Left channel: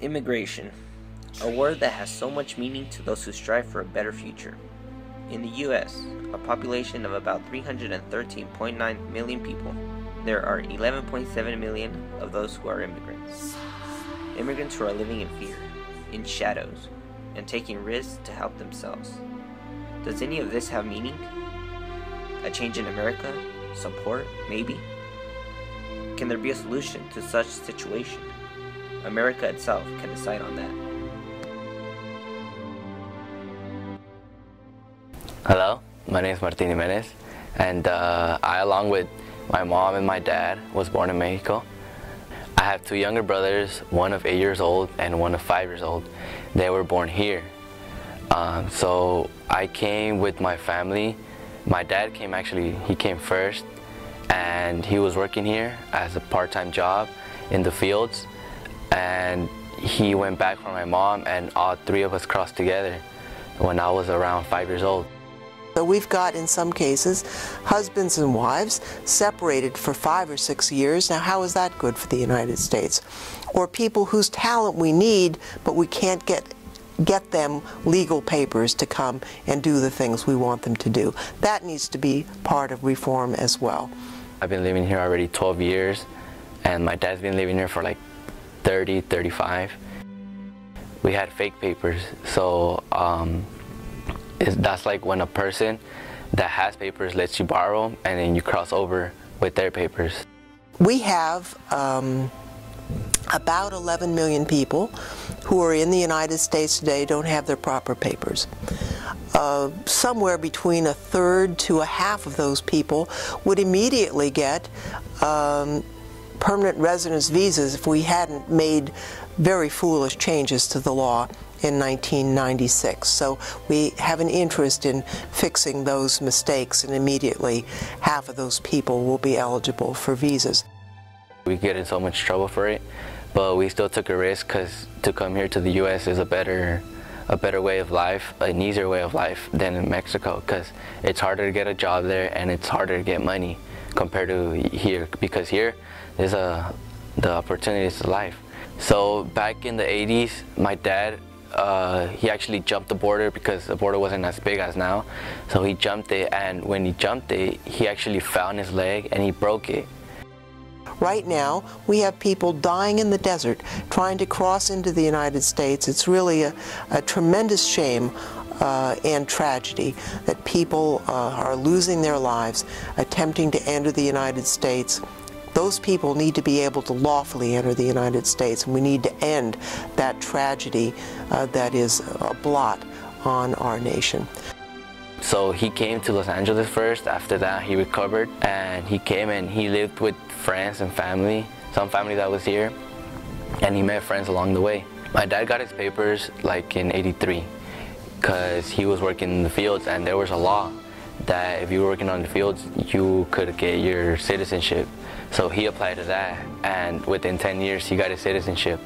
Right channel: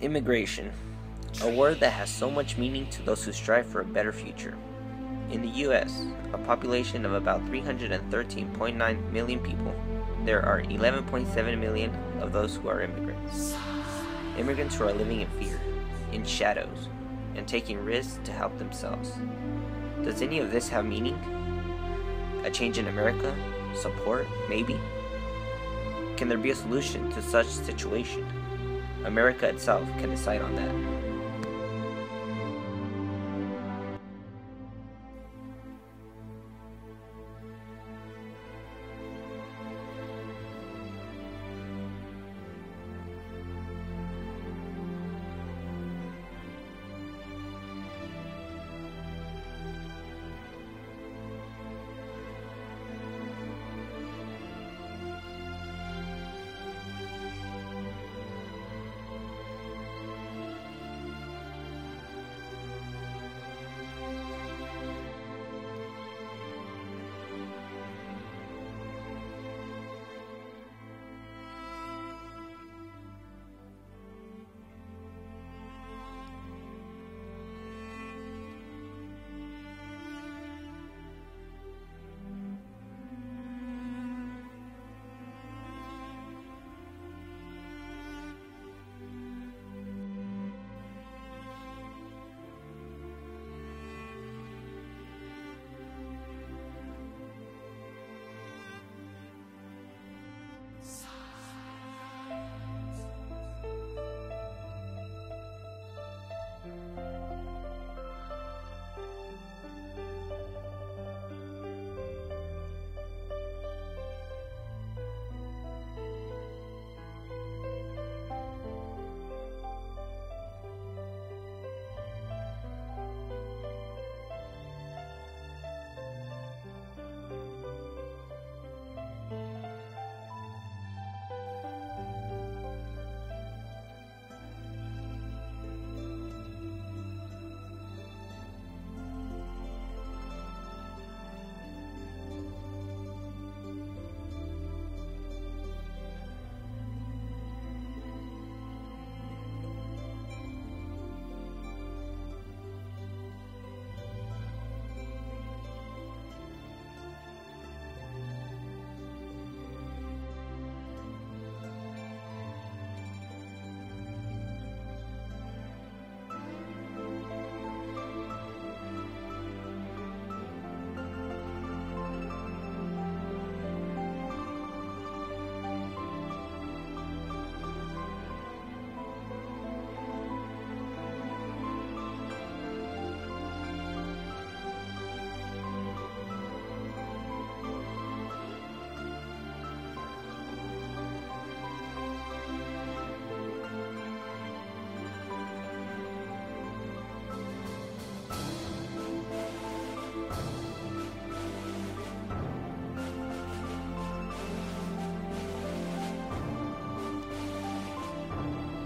Immigration, a word that has so much meaning to those who strive for a better future. In the U.S., a population of about 313.9 million people, there are 11.7 million of those who are immigrants. Immigrants who are living in fear, in shadows, and taking risks to help themselves. Does any of this have meaning? A change in America? Support? Maybe? Can there be a solution to such situation? America itself can decide on that. Hello, my name is Martin Jimenez, and I, along with my mom and my dad, was born in Mexico. I have two younger brothers, one of 8 years old and one of 5 years old. They were born here. So I came with my family. My dad came, actually, he came first, and he was working here as a part-time job in the fields. And he went back for my mom, and all three of us crossed together when I was around 5 years old. So we've got, in some cases, husbands and wives separated for 5 or 6 years. Now, how is that good for the United States? Or people whose talent we need, but we can't get them legal papers to come and do the things we want them to do. That needs to be part of reform as well. I've been living here already 12 years, and my dad's been living here for like 30, 35. We had fake papers, so that's like when a person that has papers lets you borrow them, and then you cross over with their papers. We have about 11 million people who are in the United States today don't have their proper papers. Somewhere between a third to a half of those people would immediately get permanent residence visas if we hadn't made very foolish changes to the law in 1996. So we have an interest in fixing those mistakes, and immediately half of those people will be eligible for visas. We get in so much trouble for it, but we still took a risk because to come here to the U.S. is a better way of life, an easier way of life than in Mexico, because it's harder to get a job there and it's harder to get money compared to here, because here there's the opportunities to life. So back in the 80s, my dad, he actually jumped the border because the border wasn't as big as now. So he jumped it, and when he jumped it, he actually found his leg and he broke it. Right now, we have people dying in the desert trying to cross into the United States. It's really a tremendous shame and tragedy that people are losing their lives attempting to enter the United States. Those people need to be able to lawfully enter the United States, and we need to end that tragedy that is a blot on our nation. So he came to Los Angeles first. After that, he recovered, and he came and he lived with friends and family, some family that was here, and he met friends along the way. My dad got his papers like in '83 because he was working in the fields, and there was a law that if you were working on the fields, you could get your citizenship. So he applied to that, and within 10 years, he got his citizenship.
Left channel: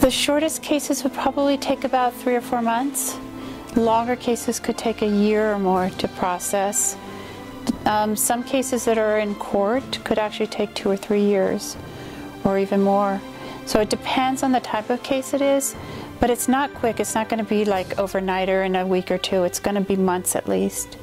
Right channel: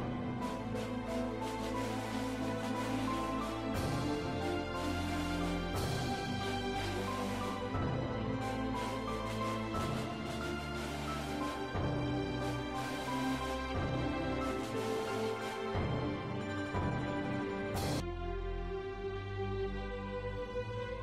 The shortest cases would probably take about 3 or 4 months. Longer cases could take a year or more to process. Some cases that are in court could actually take 2 or 3 years, or even more. So it depends on the type of case it is, but it's not quick. It's not going to be like overnight or in a week or two. It's going to be months at least.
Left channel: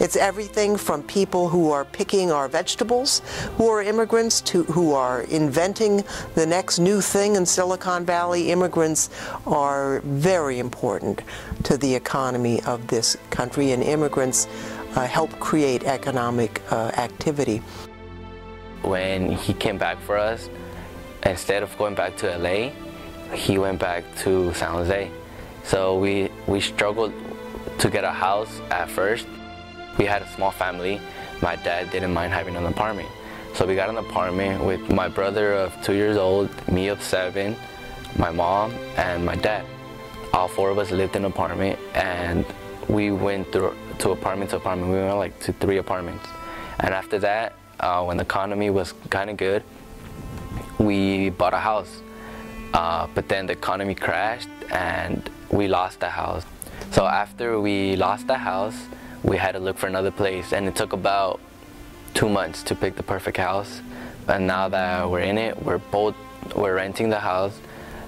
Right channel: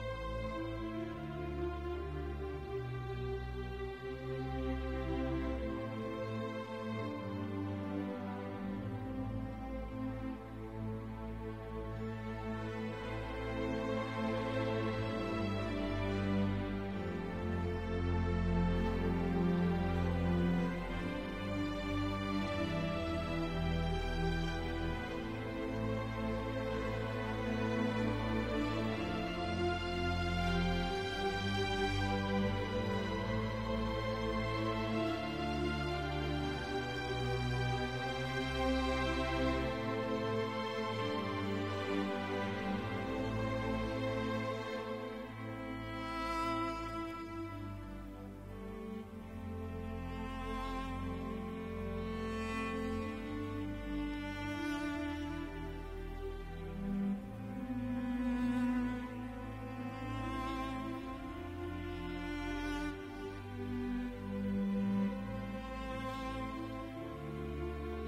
It's everything from people who are picking our vegetables, who are immigrants, to who are inventing the next new thing in Silicon Valley. Immigrants are very important to the economy of this country, and immigrants help create economic activity. When he came back for us, instead of going back to LA, he went back to San Jose. So we struggled to get a house at first. We had a small family. My dad didn't mind having an apartment. So we got an apartment with my brother of 2 years old, me of 7, my mom, and my dad. All 4 of us lived in an apartment, and we went through to apartment to apartment. We went like to 3 apartments. And after that, when the economy was kind of good, we bought a house. But then the economy crashed and we lost the house. So after we lost the house, we had to look for another place, and it took about 2 months to pick the perfect house. And now that we're in it, we're both we're renting the house.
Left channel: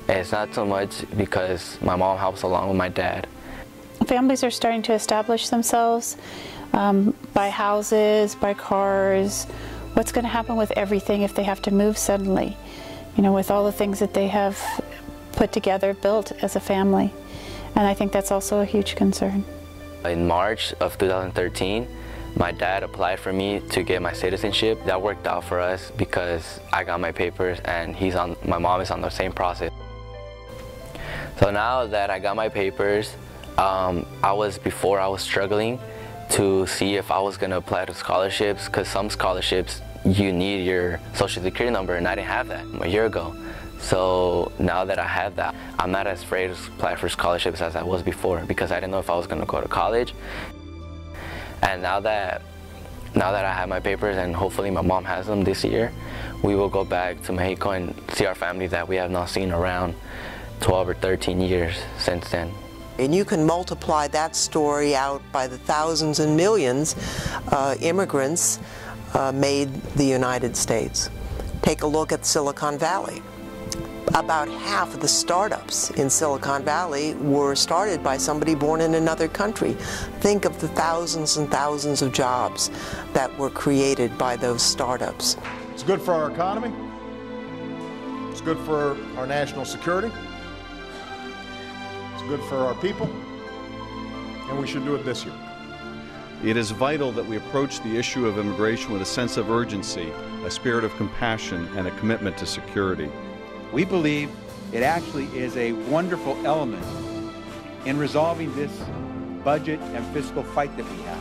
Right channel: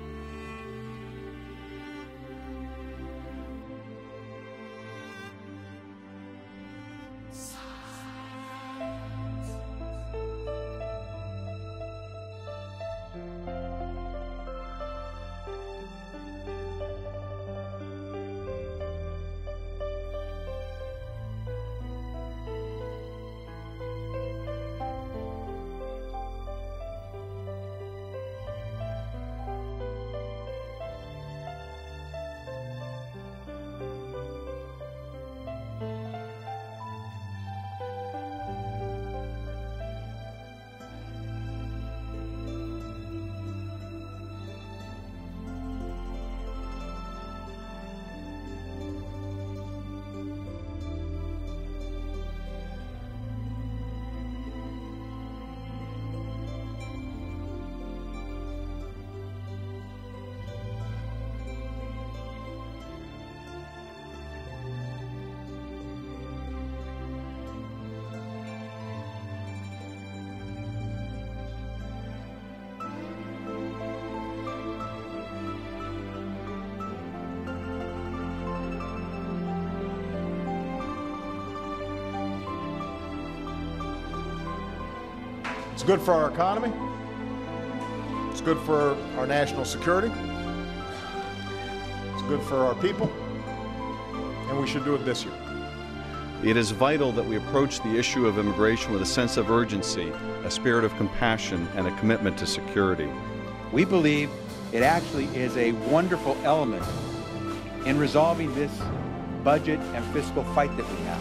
And it's not so much because my mom helps along with my dad. Families are starting to establish themselves, buy houses, buy cars. What's going to happen with everything if they have to move suddenly? You know, with all the things that they have put together, built as a family. And I think that's also a huge concern. In March of 2013, my dad applied for me to get my citizenship. That worked out for us because I got my papers and my mom is on the same process. So now that I got my papers, I was struggling to see if I was gonna apply to scholarships, because some scholarships you need your social security number, and I didn't have that a year ago. So now that I have that, I'm not as afraid to apply for scholarships as I was before, because I didn't know if I was gonna go to college. And now that I have my papers, and hopefully my mom has them this year, we will go back to Mexico and see our family that we have not seen around 12 or 13 years since then. And you can multiply that story out by the thousands and millions immigrants made the United States. Take a look at Silicon Valley. About half of the startups in Silicon Valley were started by somebody born in another country. Think of the thousands and thousands of jobs that were created by those startups. It's good for our economy. It's good for our national security. It's good for our people. And we should do it this year. It is vital that we approach the issue of immigration with a sense of urgency, a spirit of compassion, and a commitment to security. We believe it actually is a wonderful element in resolving this budget and fiscal fight that we have.